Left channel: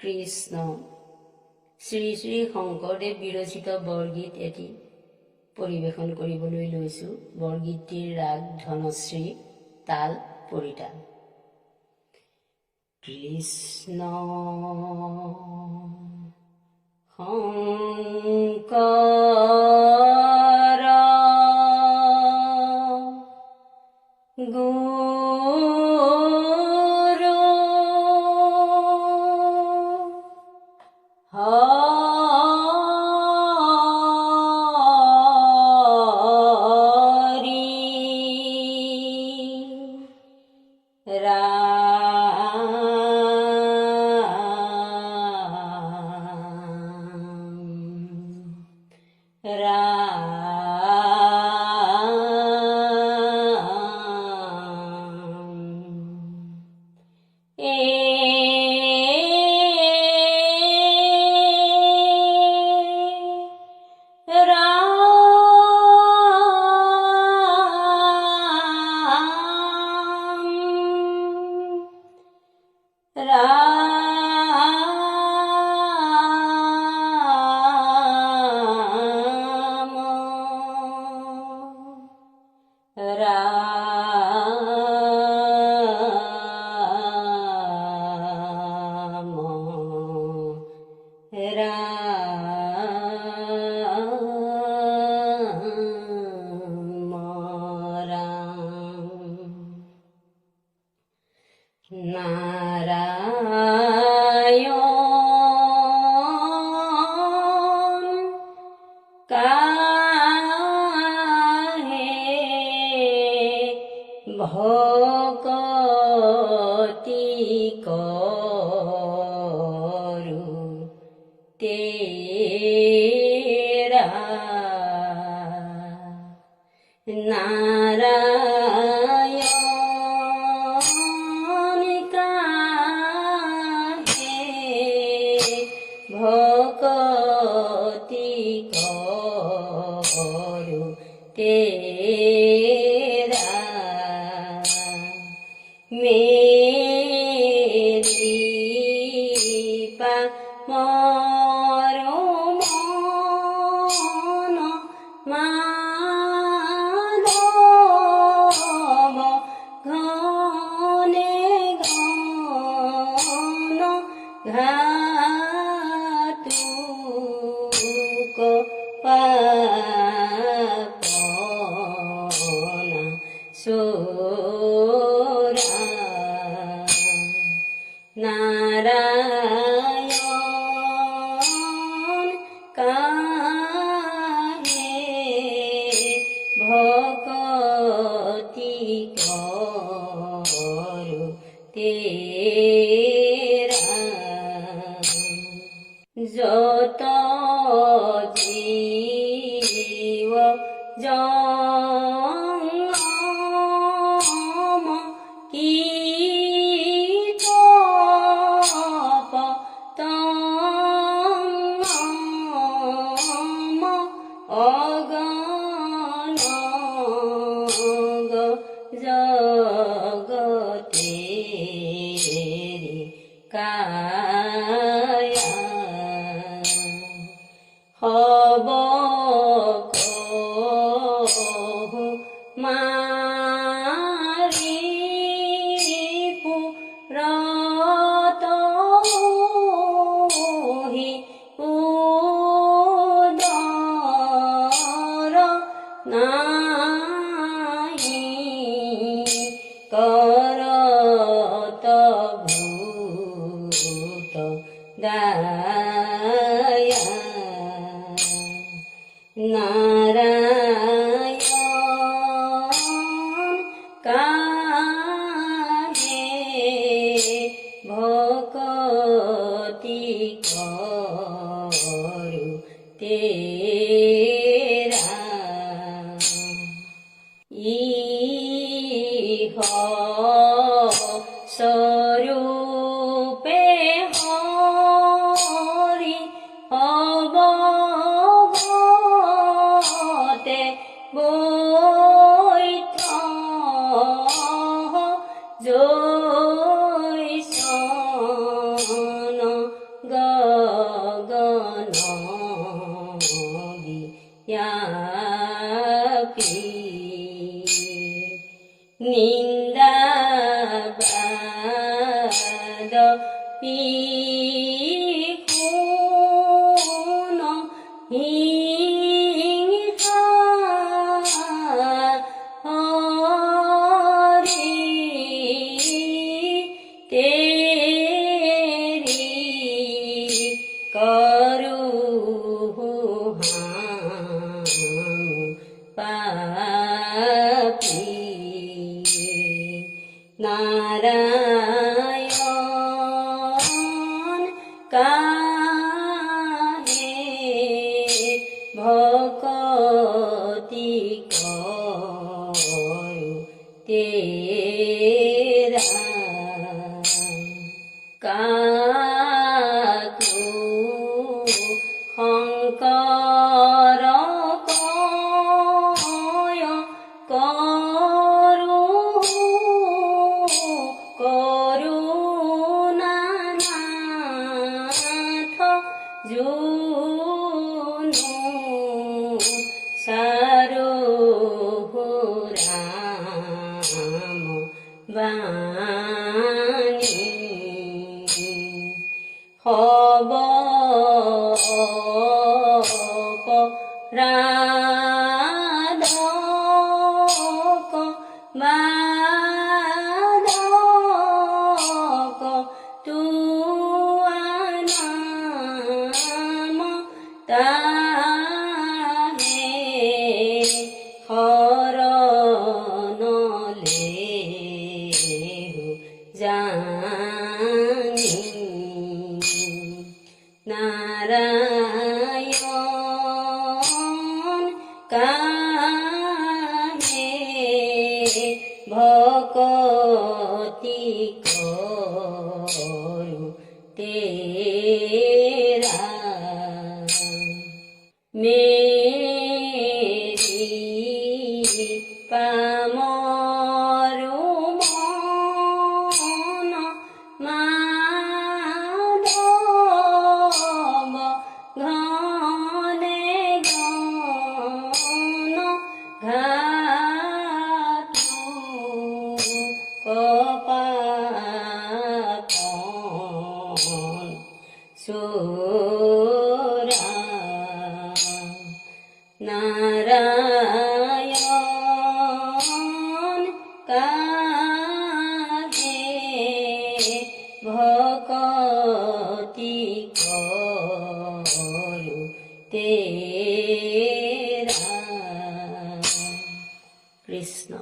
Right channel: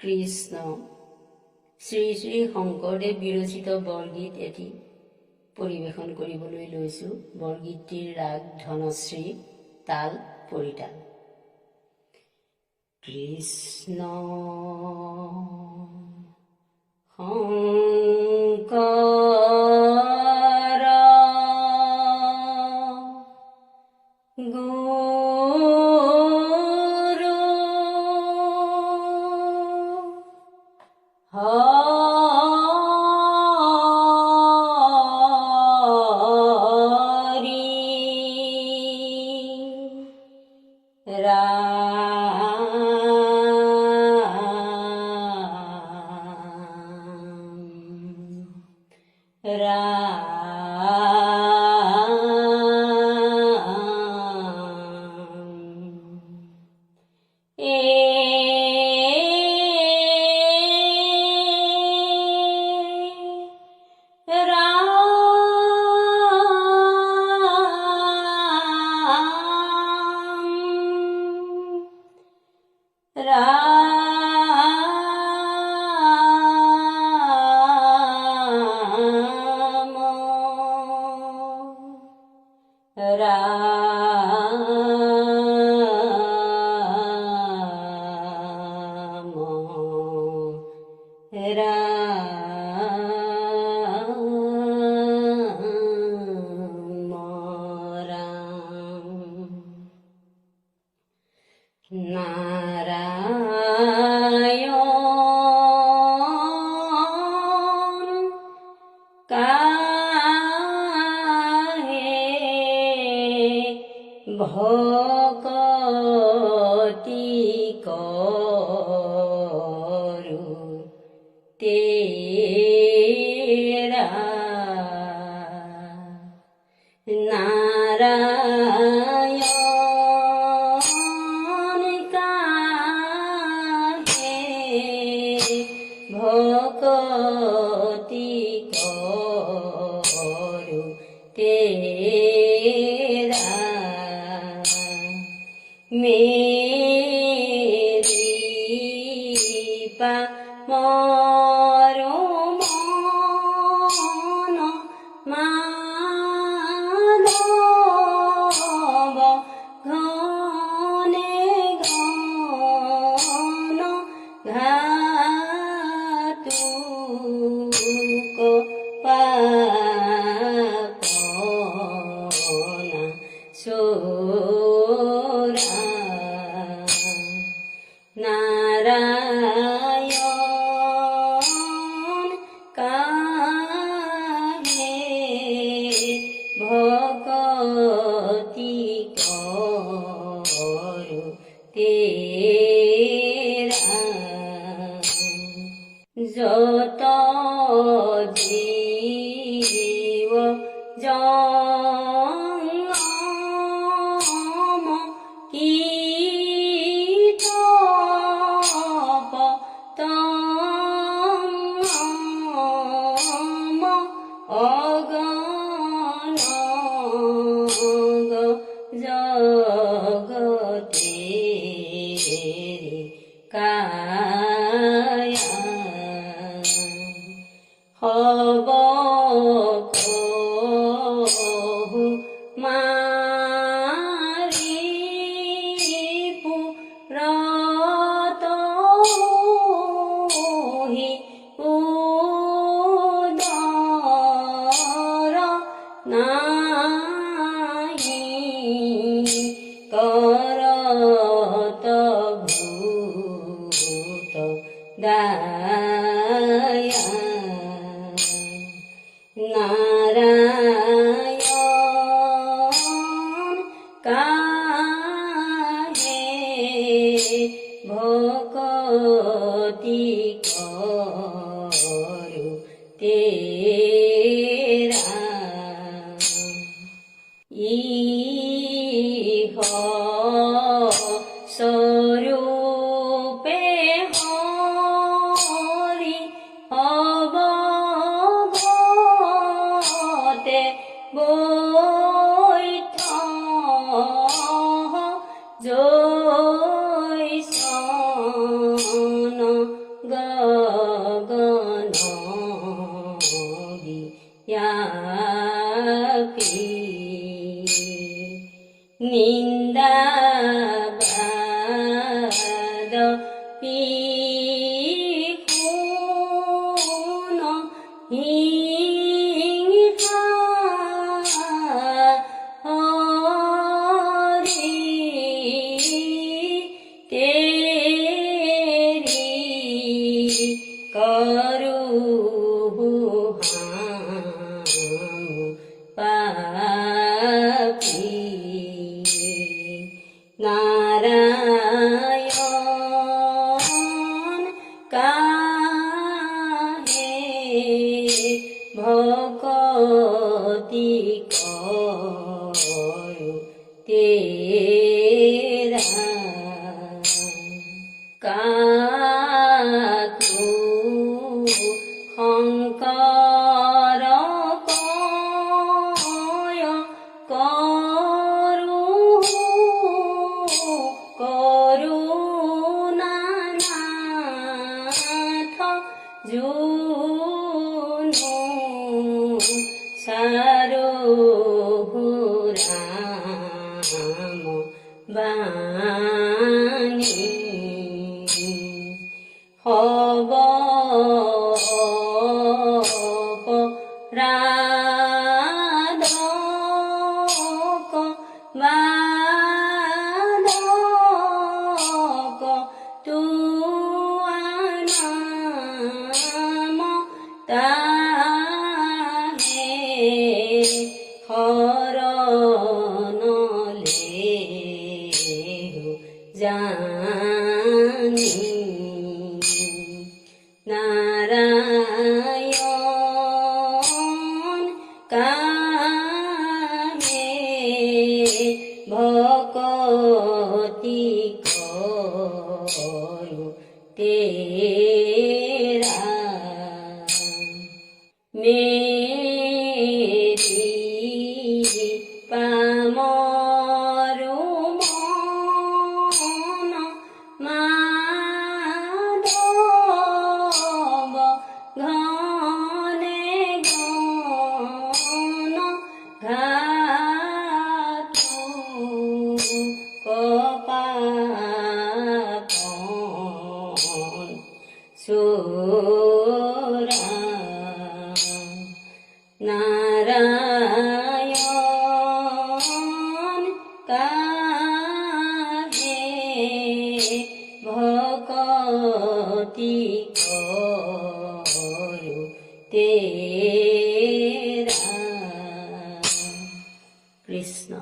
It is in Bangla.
কৃষ্ণ। শ্ৰী শ্ৰী শংকৰদেৱ বিৰচিত বৰগীত এটি পৰিৱেশন কৰিবলৈ লৈছোঁ। বৰগীতটিৰ ৰাগ ধনশ্ৰী, তাল পৰিতাল। কৃষ্ণ শংকৰ গুৰু হৰি নারায়ণ কাহে ভকতি করু তেরা নারায়ণ কাহে ভকতি করু তেরা মেরি পা মরো মন মাধব ঘনে ঘন ঘাতুক পাপনা সোরা নারায়ণ কাহে ভকতি করু তেরা যত জীব জঙ্গম কীটপ তঙ্গম অগণগ জগতেরি কায়া হব কহু মারি পুরত উদর নাহি করত ভূত দায়া নারায়ণ কাহে ভকতি করু তেরা ইহ স্বরূপে হরি অবগতে বৈঠ জৈসন পিখুন হিংসা হরি তেরি করুহাম পাপী নারায়ণ কাহে ভকতি করু তেরা কাকু শংকৰ কয় কৰো করুণানাথ জুনু সারহুরাম বাণী হব রাধক মাধক তুয়ানাম তাহে হরণলে জানি নারায়ণ কাহে ভকতি করু তেরা মেরি পামরু মন মাধব ঘনে ঘন ঘাটু কপাপন সুরা নারায়ণ কাহে ভকতি করু তেরা কৃষ্ণ।